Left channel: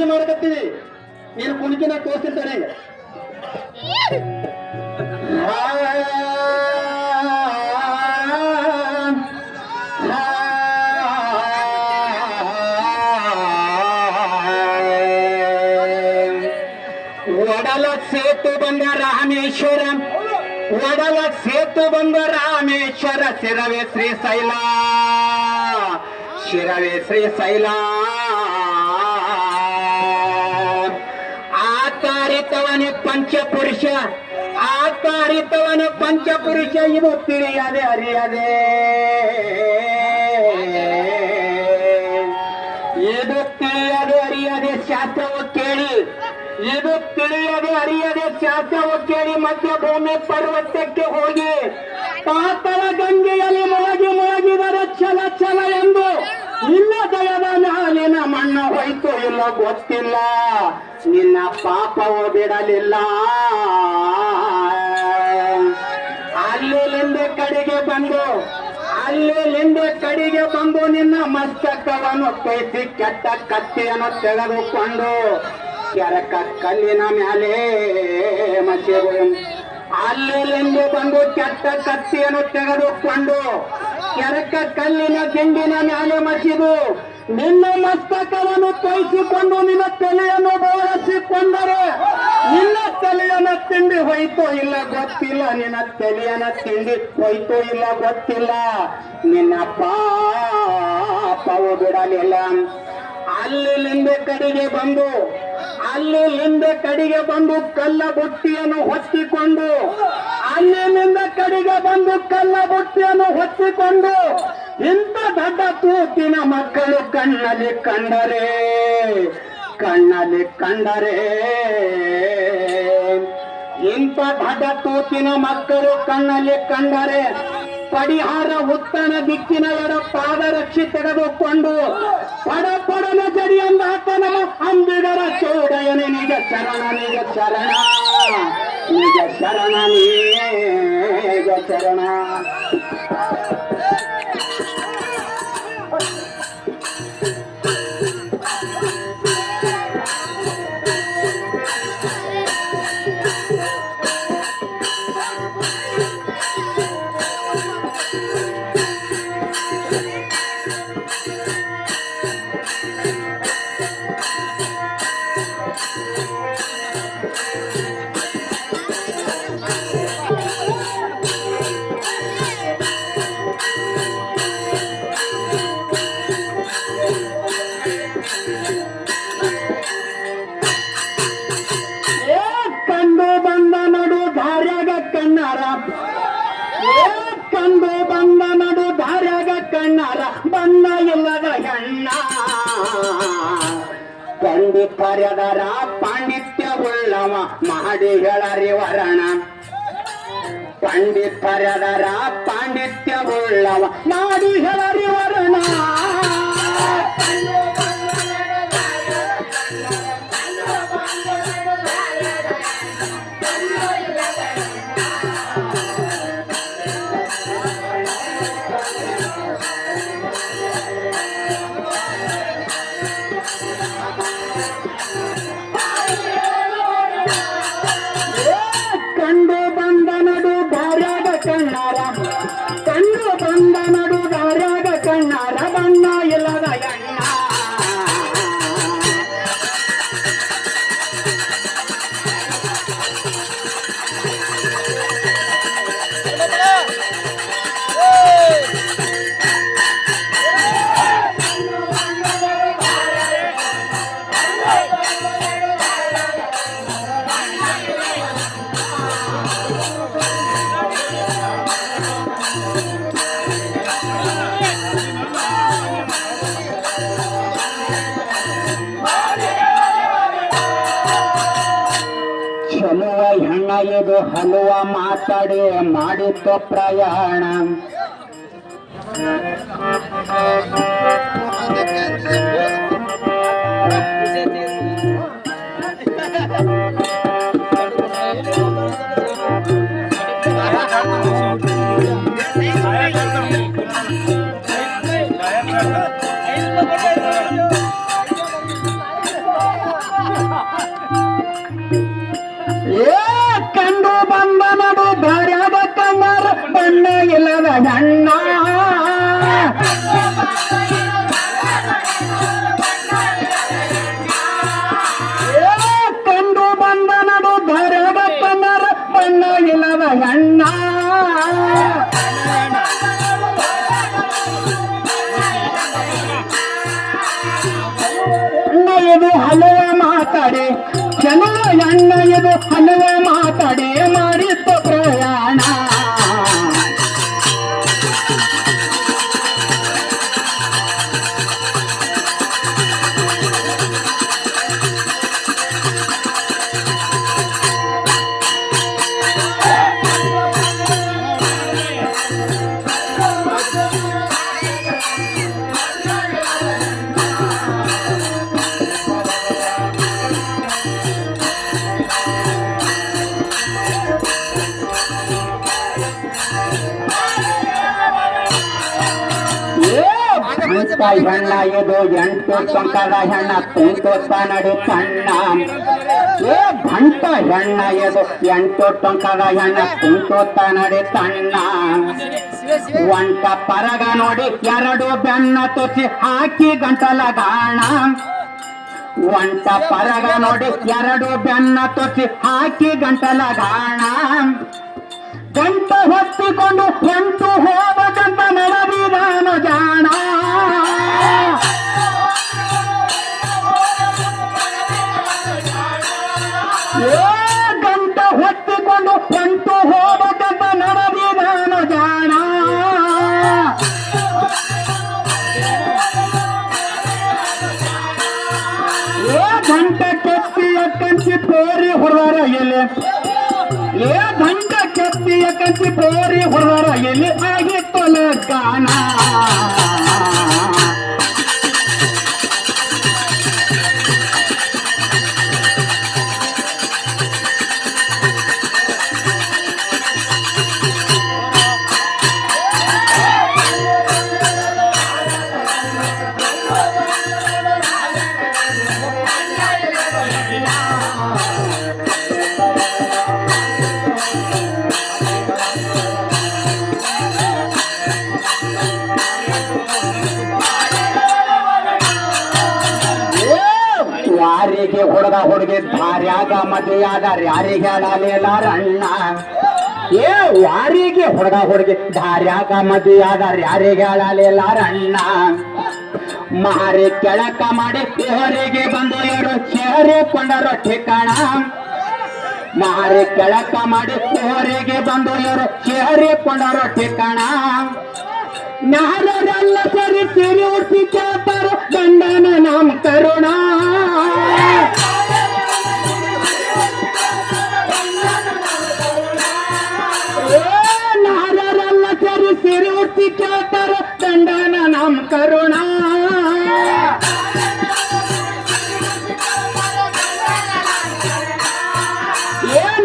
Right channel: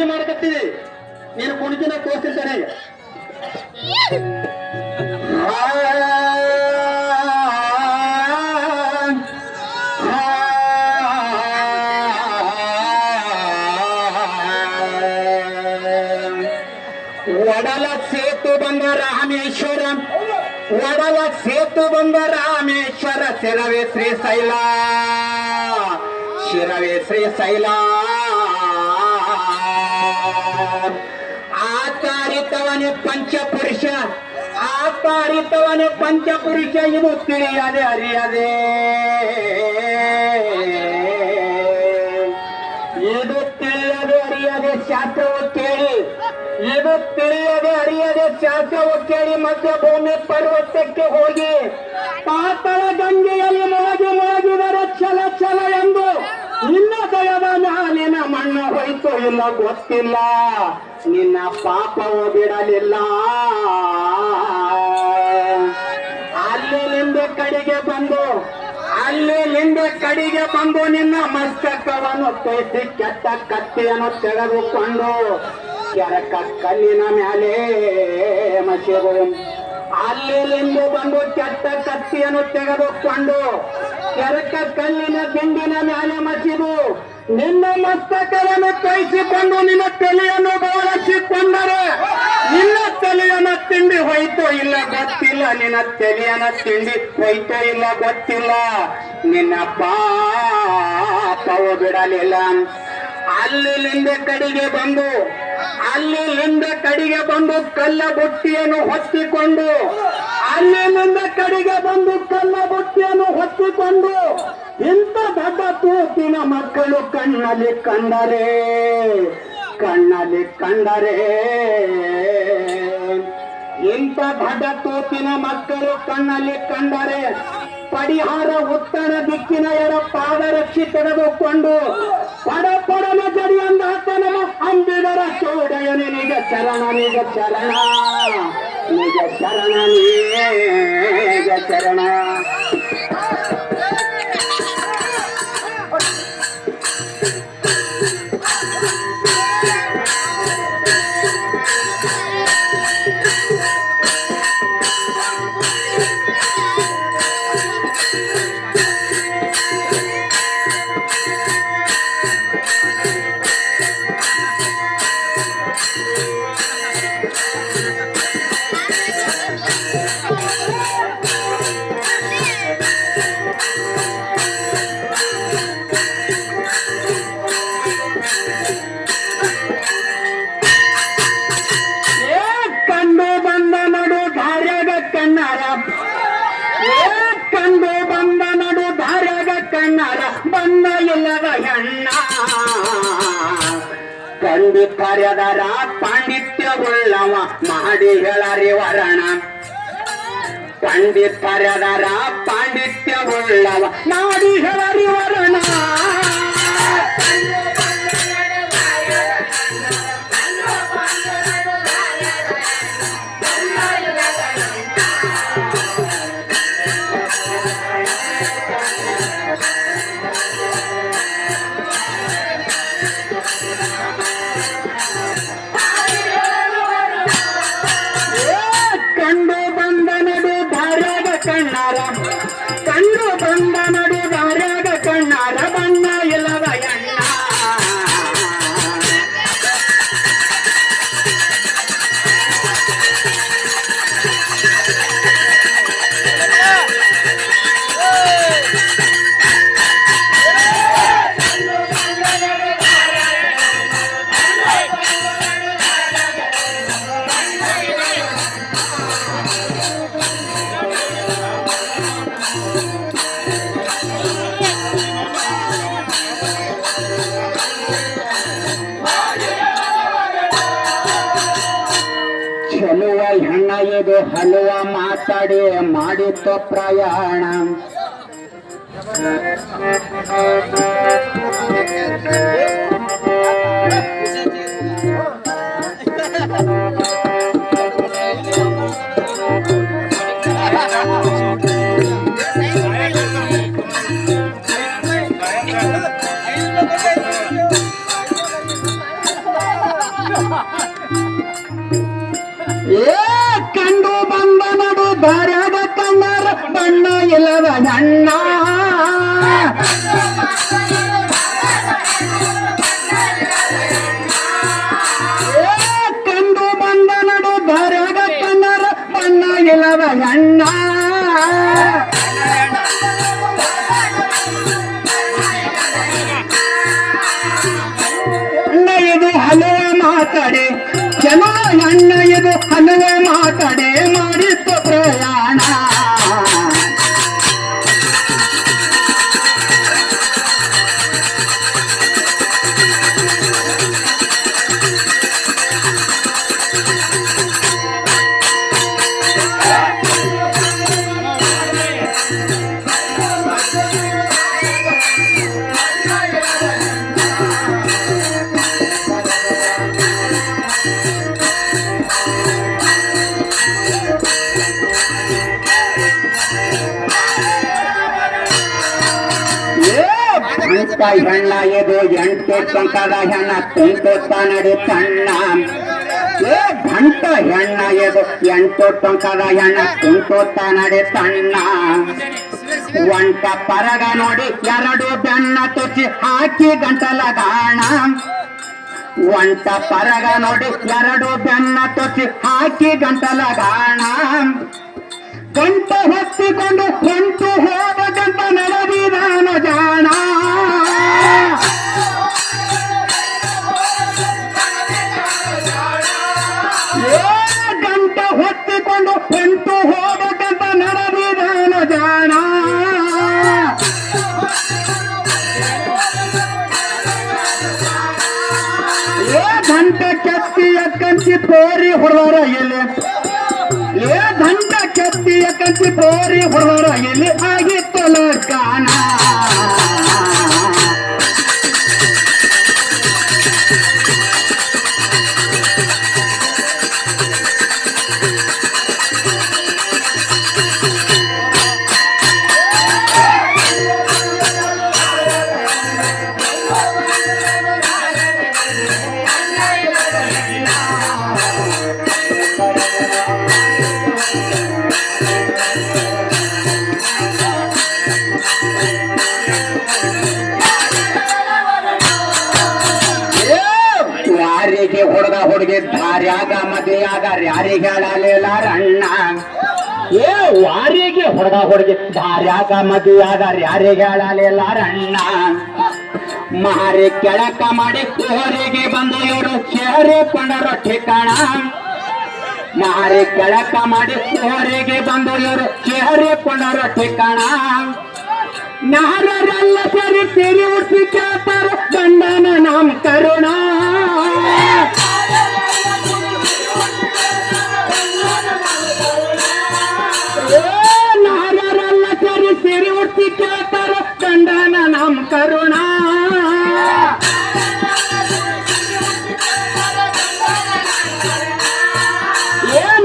ಸಿಹಿ ಮಾಡಕತ್ತೀವಿ. ನೀನು ಕುಣಿಕಿನ ತೋರಿಸ್ತಿರ್ತಾನೆ. ಒಡಲ ಸೇತು ಬಂದ ರಾಮೇಶ್ವರ, ಒಡಲ ಸೇತು ಬಂದ ರಾಮೇಶ್ವರ, ಶಿರವೇ ಶ್ರೀಶೈಲ, ಶಿರವೇ ಶ್ರೀಶೈಲ. ಆಕಾರಿತವನೇ ಪಂಚಪುರುಷ, ಆಕಾರಿತವನೇ ಪಂಚಪುರುಷ, ಇದು ತಿಳಿಯದೆ ಅರಿಯದೆ, ಇದು ತಿಳಿಯದೆ ಅರಿಯದೆ ಶಾಸ್ತ್ರವು ಕೇಳಿ, ಇದು ತಿಳಿಯದೆ ಅರಿಯದೆ ಶಾಸ್ತ್ರವು ಕೇಳಿ ಮಧ್ಯಭೂಮಿ ಪರ್ವತಕ್ಕೆ ಹೋಗಿ ಪಾತಳ ಗಂಗೆಯಲ್ಲಿ ಮುಳುಗಿದರೆ ಛಲ ಛಲ ಎಂದು ನಿನ್ನ ದಯದ ಮ್ಯಾಲಿನ ಮಣ್ಣ ಹೋಯ್ತು ಇಲ್ಲ ಗೊತ್ತಿಲ್ಲ, ನಿನ್ನ ಪಾಪವು ಬಿಡಲಿಲ್ಲ. ಅಲ್ಲಿಂದ ಕಡೆಗೆ ಬಂದು, ಅಲ್ಲಿಂದ ಕಡೆಗೆ ಬಂದು ನಿನ್ನ ಮಸ್ತಕವನ್ನು ತೋರಿಸಿ ಕೆಟ್ಟ ಕತ್ತಿಯನ್ನು ತೆಗೆದುಕೊಂಡು ಕೆರಕ ಕಲ್ಲಿನ ಮ್ಯಾಲೆ ಮಸಿದು, ಅಲ್ಲಿಂದ ಬಂದು ಕೆಟ್ಟ ಕತ್ತಿಯನ್ನು ತೆಗೆದುಕೊಂಡು ಕೆರಕ ಕಲ್ಲಿನ ದಿಂಡಿನ ಮ್ಯಾಲೆ ಮಸಿದು ನಿನ್ನ ಮಸ್ತಕವನ್ನು ತೋರಿಸಿಕೊಂಡು ನಿನ್ನ ತಲೆಯನ್ನು ಬೋಳಿಸಿಕೊಂಡರೆ ನಿನ್ನ ತಲೆಯನ್ನ ತಿಂಡಿ ಹೋಯ್ತೋ ಇಲ್ಲ ಗೊತ್ತಿಲ್ಲ, ನಿನ್ನ ತಲೆಯನ್ನ ತಿಂಡಿ ಹೋಯ್ತೋ ಇಲ್ಲ ಗೊತ್ತಿಲ್ಲ, ನಿನ್ನ ಪಾಪವು ಬಿಡಲಿಲ್ಲ. ಅಲ್ಲಿಂದ ಕಡೆಗೆ ಬಂದು, ಅಲ್ಲಿಂದ ಕಡೆಗೆ ಬಂದು ಕಲ್ಲ ಬುಟ್ಟಿಯನ್ನು ಹೊತ್ತಿಕೊಂಡು, ಅಲ್ಲಿಂದ ಕಡೆಗೆ ಬಂದು ಕಲ್ಲ ಬುಟ್ಟಿಯನ್ನು ಹೊತ್ತಿಕೊಂಡು ಇಂಥ ದೊಡ್ಡ ತೂತಿನ ಮಕ್ಕಳು ಕಣ್ಣಲ್ಲಿ ಕಂಡರೆ, ಕಣ್ಣಲ್ಲಿ ಕಂಡರೆ, ಇಂಥ ದೊಡ್ಡ ತೂತಿನ ಮಕ್ಕಳು ಕಣ್ಣಲ್ಲಿ ಕಂಡರೆ ಪರಿಹಾರ ಉತ್ತರ ದಿಕ್ಕಿನ ಎಡ ಪಾದರಕ್ಷಿ ತೆಗೆದುಕೊಂಡು ಪಡಪಡನ ಜಡಿಯಂದ ನಮ್ಮ ಅಂಬಿಗರ ಚೌಡಯನೆ ನಿಜ ಚರಣ, ನಿಜ ಚರಣ, ನಿಜ ಶರಣ, ನಿಜ ಚರಣ. ಕಾರ್ಯದರ ಪಾಂಡಿತ್ಯವುಳ್ಳವ ಮಾಡಿ ಹೇಳರಿ ವರಣ, ಪಾಂಡಿತ್ಯದರ ಪಾಂಡಿತ್ಯವುಳ್ಳವ ಮಾಡಿ ಹೇಳರಿ ವರಣ. ಕಂಡು ಬಂದ ನಡು ದಾರ್ಯಾಗ ಕಣ್ಣಾರ ಬಣ್ಣ ಇಲ್ಲದ ಎಣ್ಣ. ಚೆಲುವ ಹೆಣ್ಣ ಇದು ಹಲುವ ಮಾತಾಡಿ ಮಾಡಿತ್ತು ಪ್ರಯಾಣ. ಏ ಕಂಡು ಬಂದ ನಡು ದಾರ್ಯಾಗ ಕಣ್ಣರ ಬಣ್ಣ ಇಲ್ಲದ ಹೆಣ್ಣ ಕಂಡು ಬಂದ ನಡು ದಾರ್ಯಾಗ ಕಣ್ಣರ ಬಣ್ಣ ಇಲ್ಲದ ಹೆಣ್ಣ ಇದು ಹಲವ ಮಾತಾಡಿ ಜನ ಅಣ್ಣ ಇದು ಹಲವ ಮಾತಾಡಿ ಮಾಡಿದ್ದ ಪ್ರಯಾಣ ಇಂಥ ಹೆಣ್ಣ ಇದು 8 ಟಂಕದ ಹೆಣ್ಣ ಕುಂತೋತ ನಡು ಸಣ್ಣ ಏ ಗಂಟ ಹೆಣ್ಣ ಇದು 8 ಟಂಕದ ಹೆಣ್ಣ ಕುಂತೋತ ನಡು ಸಣ್ಣ ಒಂಟ ಪರಗ ನೋಡಿ 2 ಬೆನ್ನ ತುಚ್ಚಿ ಹಾಕಿ ಗಂಟಲ ಗಾಣ ಒಂಟ ಪರಗ ನೋಡಿ 2 ಬೆನ್ನ ತುಚ್ಚಿ ಹಾಕಿ ಗಂಟಲ ಗಾಣ ಗಂಟ ಹೊತ್ತಿಕೊಂಡು ಹೊಂಟು ಹೋದ ಗಂಟ ನಡೆದಿದಾನ ಜಾಣ ಗಂಟ ಹೊತ್ತಿಕೊಂಡು ಹೊಂಟು ಹೋದ ಗಂಟ ನಡೆದಿದಾನ ಜಾಣ ಗಂಟ ಕೆತ್ತಿಯ ಕಂಚಿ ತೋರಿ ಹೊರವರ ಎಲೆ ಏ ಗಂಟ ಕೆತ್ತಿಯ ಕಂಚಿ ತೋರಿ ಹೊರವರ ಎಲೆ ಆಗಿತ್ತಲ ಗಾನ ಯಾರಿಗೆ ಹುಡುಗ ಹುಡುಗಿ ದಾರ್ಯಾಗ ಮದುವೆಯಾದ ಯಾರಿಗೆ ಹೇಳಲಿಲ್ಲ ರಣ್ಣ ಏ ಯಾರಿಗೆ ಹುಡುಗ ಹುಡುಗಿ ದಾರ್ಯಾಗ ಮದುವೆಯಾದ ಯಾರಿಗೆ ಹೇಳಲಿಲ್ಲ ರಣ್ಣ ಮಾರಿ ಕೆಳಕ ಮಾಡಿ ಕೋರಿಗೆ ಬಂದ ಇವರು ಸೇರಿಕೊಂಡರು ठिकाಣ ಮಾರಿ ಕೆಳಕ ಮಾಡಿ ಕೋರಿಗೆ ಬಂದ ಇವರು ಸೇರಿಕೊಂಡರು ठिकाಣ ನಾರರೆಲ್ಲ ಸರಿ ಸಿರಿ ಉಡ್ಸಿ ಕೇಳ್ತಾರ ಗಂಡನ ನಾಮ ಕರುಣ ನಾರರೆಲ್ಲ ಸರಿ ಸಿರಿ ಉಡ್ಸಿ ಕೇಳ್ತಾರ ಗಂಡನ ನಾಮ ಕರುಣ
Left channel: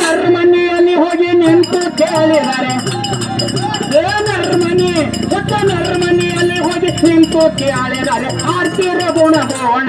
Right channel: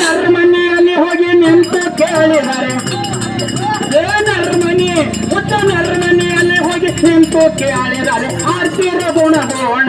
ನರ್ಮನಿಯಲ್ಲಿ ಹೋಗಿ ನಿಂತು ಕೇಳಿದರೆ ನರ್ಮನಿಯಲ್ಲಿ ಹೋಗಿ ನಿಂತು ಕೇಳಿದರೆ ಆರ್ತಿರ ಗುಣಗೋಣ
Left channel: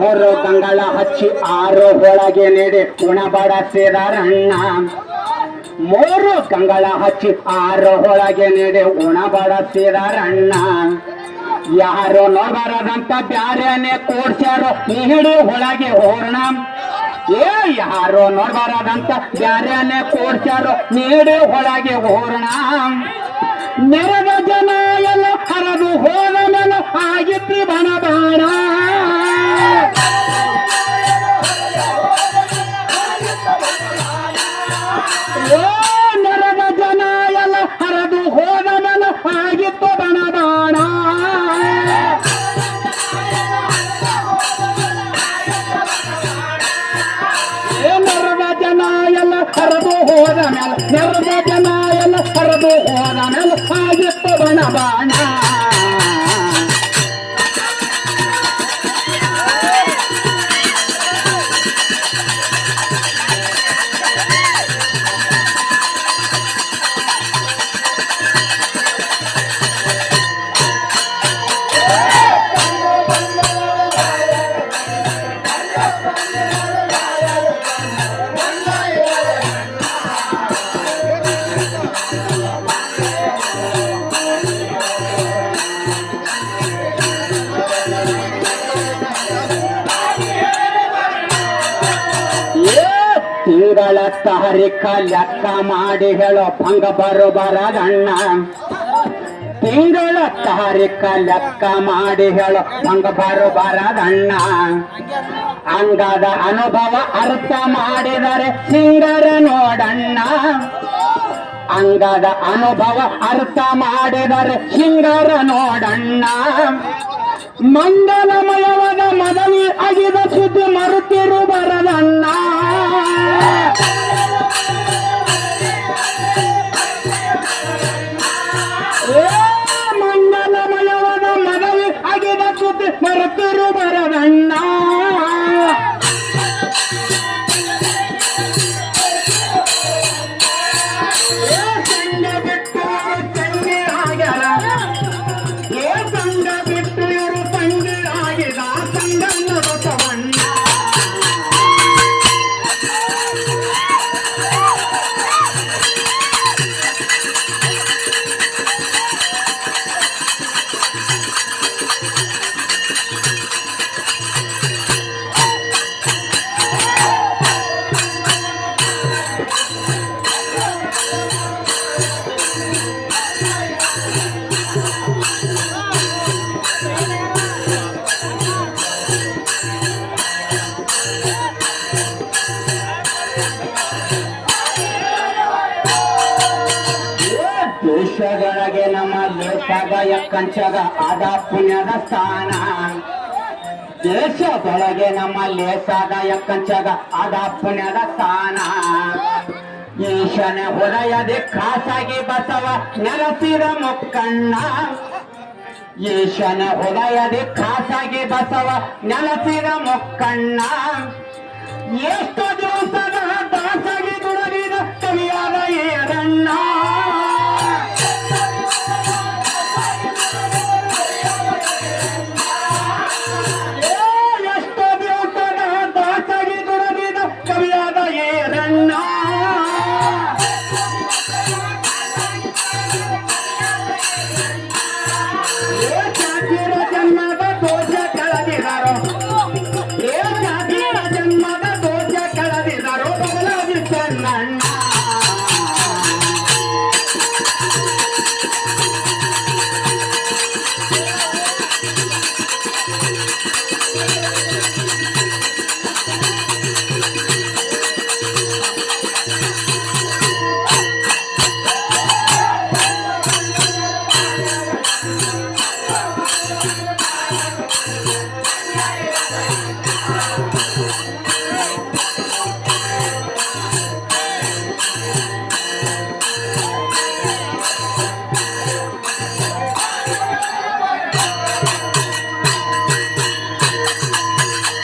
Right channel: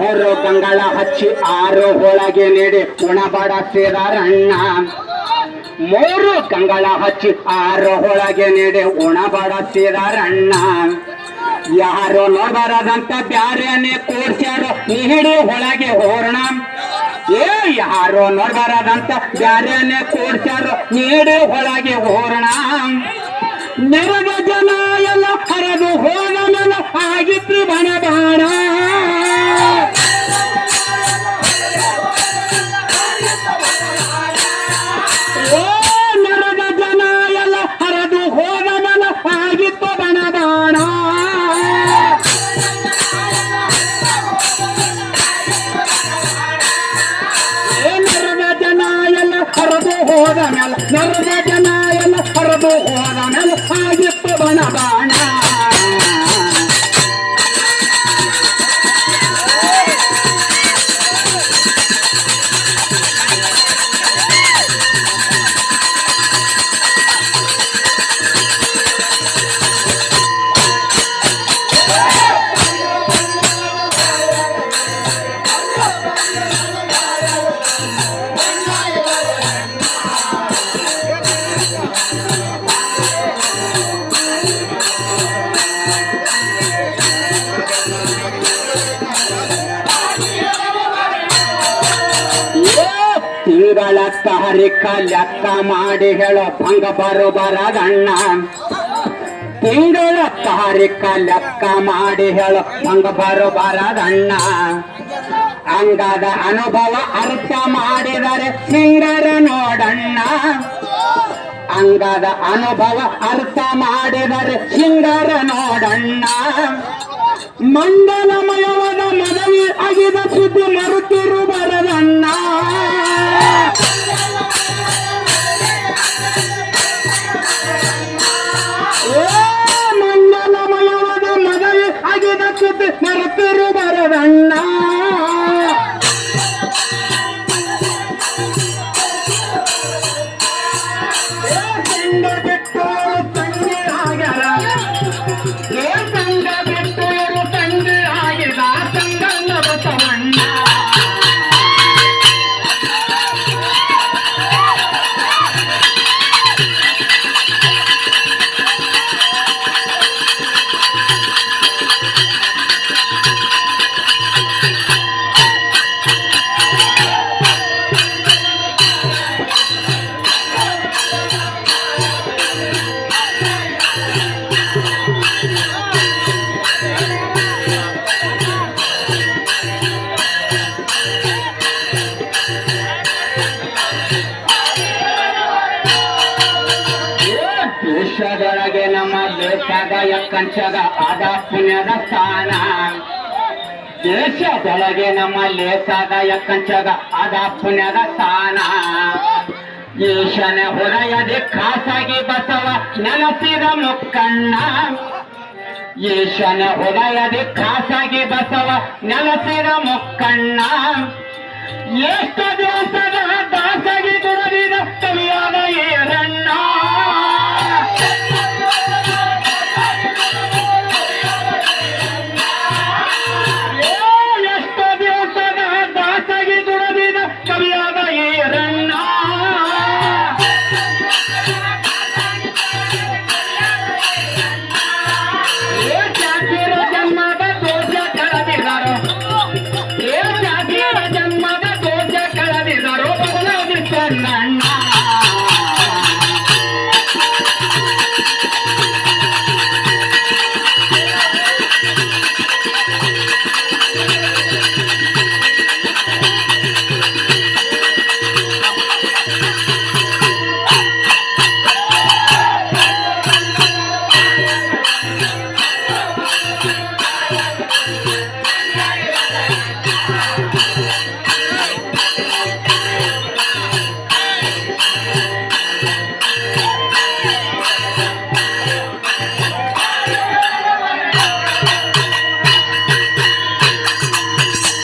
ಮೂರು ಕಂಗಳ ಹಚ್ಚಿ 6 ಒಳಗೆ ನೀಡಿ ಉಣಬಡ ಸೇದಾರಣ್ಣ 3 ಕಂಗಳ ಹಚ್ಚಿ 6 ಒಳಗೆ ನೀಡಿ ಉಣಬಡ ಸೇದಾರಣ್ಣ ಯಾರೋ ನೋಡಬಾರದಂತ ಬ್ಯಾರೇನೆ ಕೂಡ್ಸ್ಯಾರೋ ನೀಡಿ ಒಳಗೆ ಹೋರಣ ಏ ಯಾರೋ ನೋಡಬಾರದಂತ ಬ್ಯಾರೇನೆ ಕೂಡ್ಸ್ಯಾರೋ ನೀಡಿ ಒಳಗೆ ಹೋರಣ ನೆರೆದ ಜನ ಎಲ್ಲ ಹರಿದು ಹೋದ ಮೇಲೆ ಆಗಿತ್ತು ಬಣ ಬಾಣ ನೆರೆದ ಜನ ಎಲ್ಲ ಹರಿದು ಹೋದ ಮೇಲೆ ಆಗಿತ್ತು ಬಣ ಬಾಣ ಬಸವಣ್ಣ. ತಿಂಗಳ ತಾರೀಖ ಲೆಕ್ಕ ಮಾಡಿ ಹೇಳೋ ಭಂಗ ಬರದಣ್ಣ. ತಿಂಗಳ ತಾರೀಖ ಲೆಕ್ಕ ಮಾಡಿ ಹೇಳೋ ಭಂಗ ಬರದಣ್ಣ. ಅಂಗದ ಅನುಭವ ಅರ್ಥ ಮಾಡಿದರೆ ಸಿಂಗರ ನೋಡಣ್ಣ. ಅಂಗದ ಅನುಭವ ಅರ್ಥ ಮಾಡಿದರೆ ಸಿಂಗರ ನೋಡಣ್ಣ. ಮಂಡಲಮಯವಾದ ಮದವಿ ಅಗಿದ ಸುದ್ದಿ ಮರುತಿರು ಬರದಣ್ಣ. ಮಂಡಲಮಯವಾದ ಮದವಿ ಅಗಿದ ಸುದ್ದಿ ಮರುತಿರು ಬರದಣ್ಣ. ಸಂಗ ಬಿಟ್ಟು ತಂಗಿ ಆಗ್ಯಾರ. ಸಂಗ ಬಿಟ್ಟು ತಂಗಿ ಆಗಿದ ಸಂಗನ ಬಸವಣ್ಣ. ದೇಶದೊಳಗೆ ನಮ್ಮ ಲೇಖಾಗ ಕಂಚಗ ಆದ ಪುಣ್ಯದ ಸ್ಥಾನ. ದೇಶದೊಳಗೆ ನಮ್ಮ ಲೇಸಾದ ಕಂಚಗ ಆದ ಪುಣ್ಯದ ಸ್ಥಾನ. ಈಶನ ಹೊರೆಯದೆ ಖಾಸಾಗಿ ಬಸವ ನೆಲಸಿದ ಮುಕ್ಕಣ್ಣ. ಈಶನ ಹೊರೆಯದೆ ಖಾಸಾಗಿ ಬಸವ ನೆಲಸಿದ ಮುಕ್ಕಣ್ಣ. ಎಷ್ಟು ದಿವಸದ ದಾಸಗಿ ದುಡಿದ ಕವಿಯಾದ ಈರಣ್ಣ. ಎಷ್ಟು ದಿವಸದ ದಾಸಗಿ ದುಡಿದ ಕವಿಯಾದ ಈರಣ್ಣ. ಚಾಚಿರ ಜನ್ಮದ